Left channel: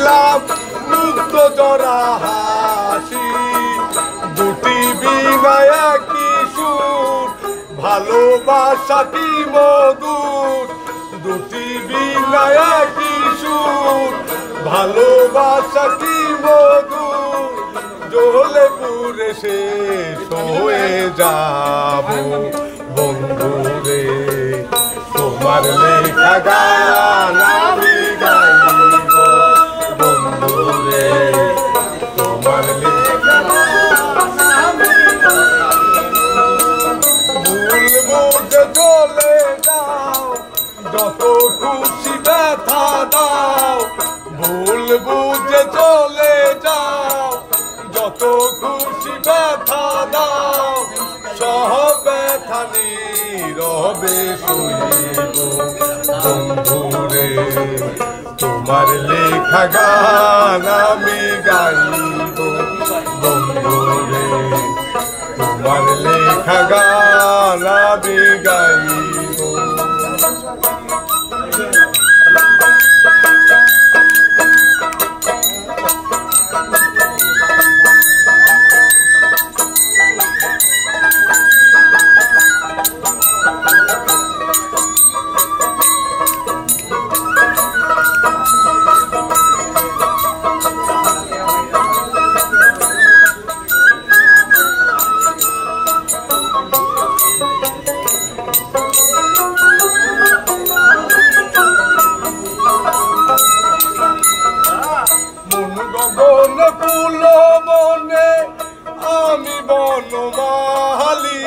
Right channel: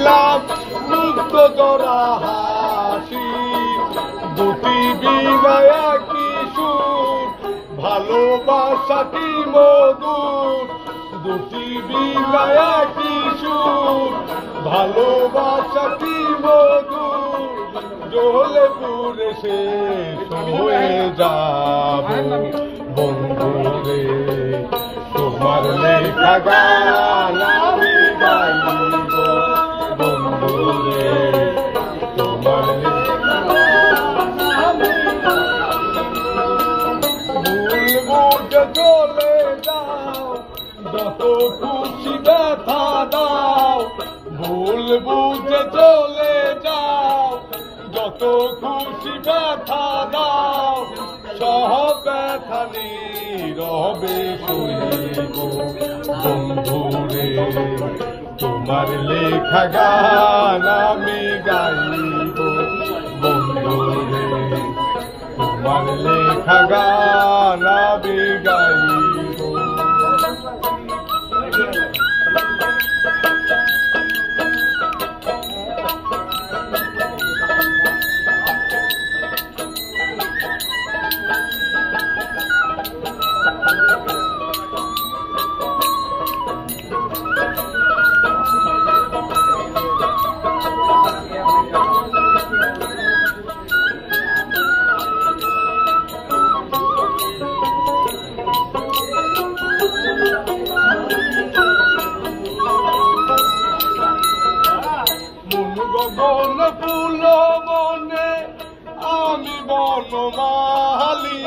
দিলাম মুক্ত জরা হাসি, দুটি বিনায় একই সুর, ভালোবাসা কি মধুর, দুটি বিনায় একই সুর, ভালোবাসা কি মধুর, জ্বলে পুরে শেষ হয়ে যাব বন্ধুরে, তোমার লেখা গান আমি গাইব বন্ধুরে, তোমার লেখা গান আমি ভুল বুঝে চলে যাও, যত খুশি ব্যথা দাও, ভুল বুঝে চলে যাও, যত খুশি ব্যথা দাও, সব ব্যথা নীরবে সইব বন্ধুরে, তোমার লেখা গান আমি গাইব বন্ধুরে, তোমার লেখা গান আমি গাইব। বনে ফুল বনে আমি বনমালী,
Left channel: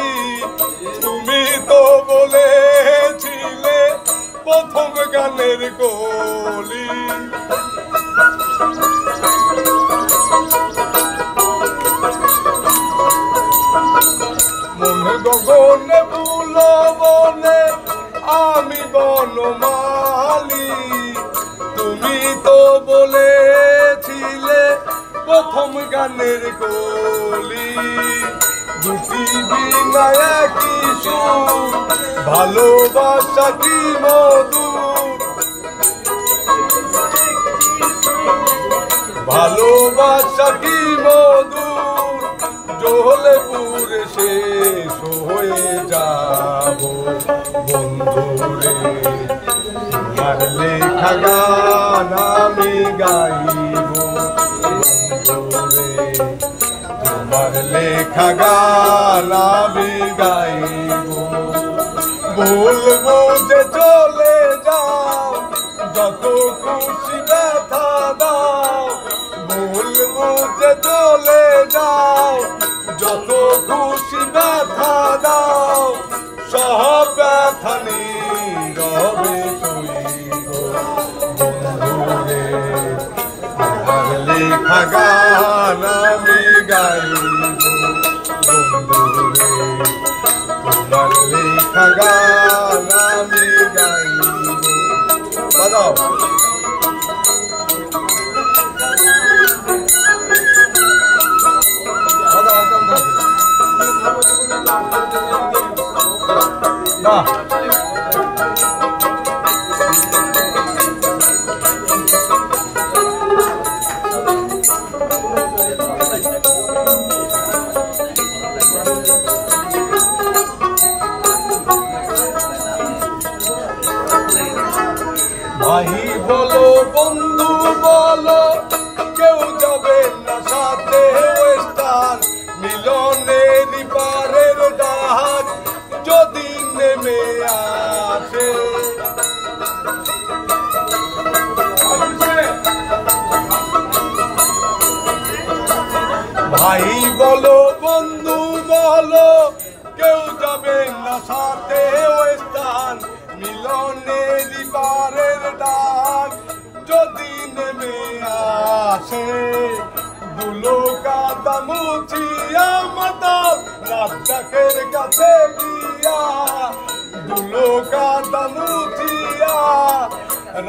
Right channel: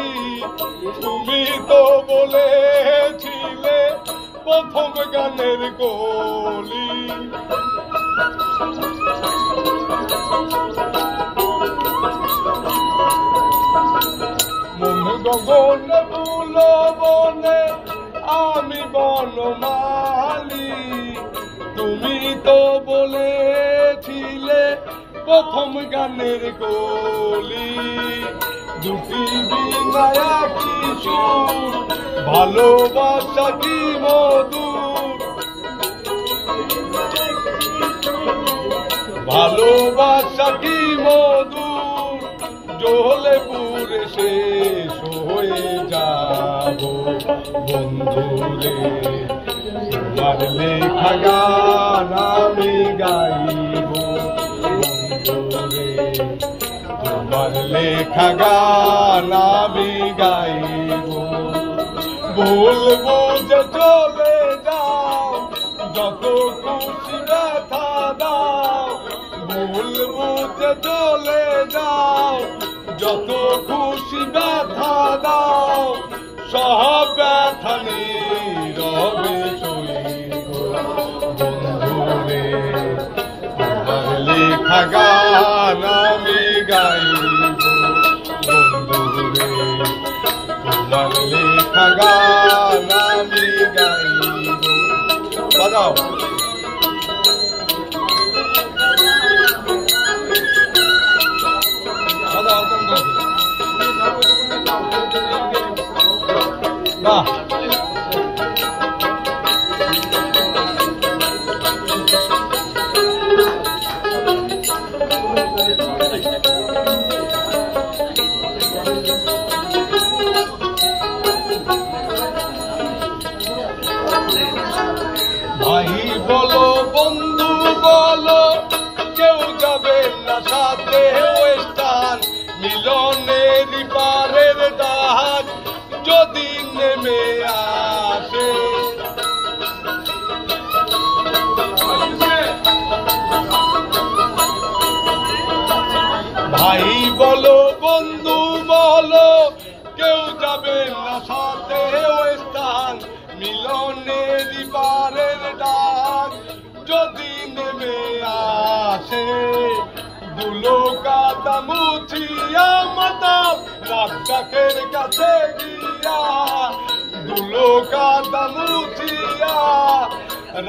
তুমি তো বলেছিলে প্রথম গানের কলি, মনে গগনে ফুল বনে আমি বনমালী, তুমি তো বলেছিলে প্রথম গানের কলি, দুটি বিনায় একই সুর, ভালোবাসা কি মধুর, ভালোবাসা কি মধুর, জ্বলে পুরে শেষ হয়ে যাব বন্ধুরে, তোমার লেখা গান আমি গাইব বন্ধুরে, তোমার লেখা গান আমি গাইব। ভুল বুঝে চলে যাও, যত খুশি ব্যথা দাও, ভুল বুঝে চলে যাও, যত খুশি ব্যথা দাও, সব ব্যথা নীরবে সইব বন্ধুরে, তোমার লেখা গান আমি গাইব বন্ধুরে, তোমার লেখা গান আমি গাইব। বাজাও না ভাই বলো বন্ধু বলো, কেউ যাবে না সাথে ওয়েস্টার্ন, মিলনের পারের ডাক যদি নেমে আসে, ভাই বলো বন্ধু বলো, কেউ যাবে না সাথে ওয়েস্টার্ন, মিলনের পারের ডাক যদি নেমে আসে, দুলো কাদা মুছিয়া মাতাল রাজ্জাকের কাছে গিয়া, দুলো কাদা মুছিয়া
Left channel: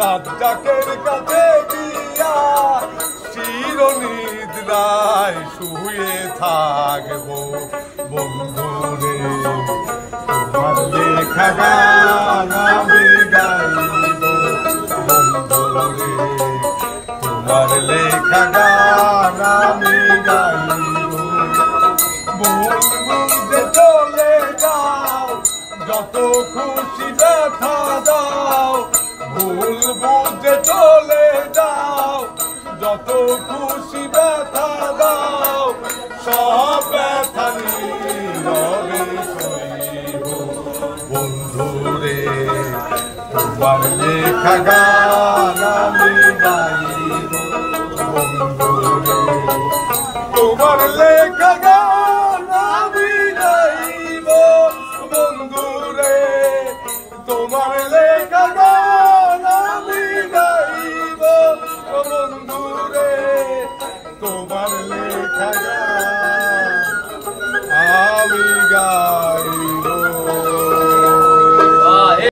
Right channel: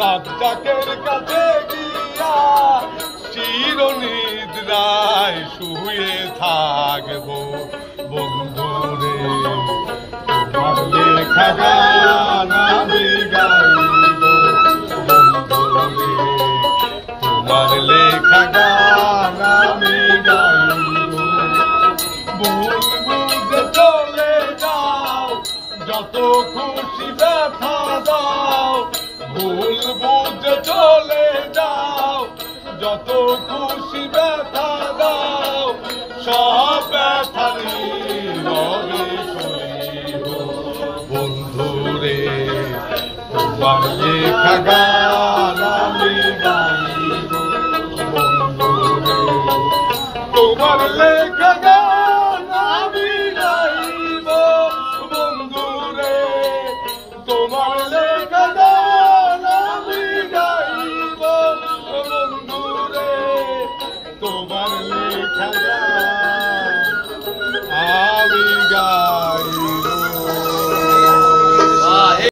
রাজ্জাকের কাছে গিয়া, চিরনিদ্রায় শুয়ে থাকবো বন্ধুরে, তোমার লেখা গান আমি গাইব বন্ধুরে, তোমার লেখা গান আমি গাইব ভুল বুঝে চলে যাও যত খুশি ব্যথা দাও ভুল বুঝে চলে যাও যত খুশি ব্যথা দাও সব ব্যথা নীরবে সইব বন্ধুরে তোমার লেখা গান আমি গাইব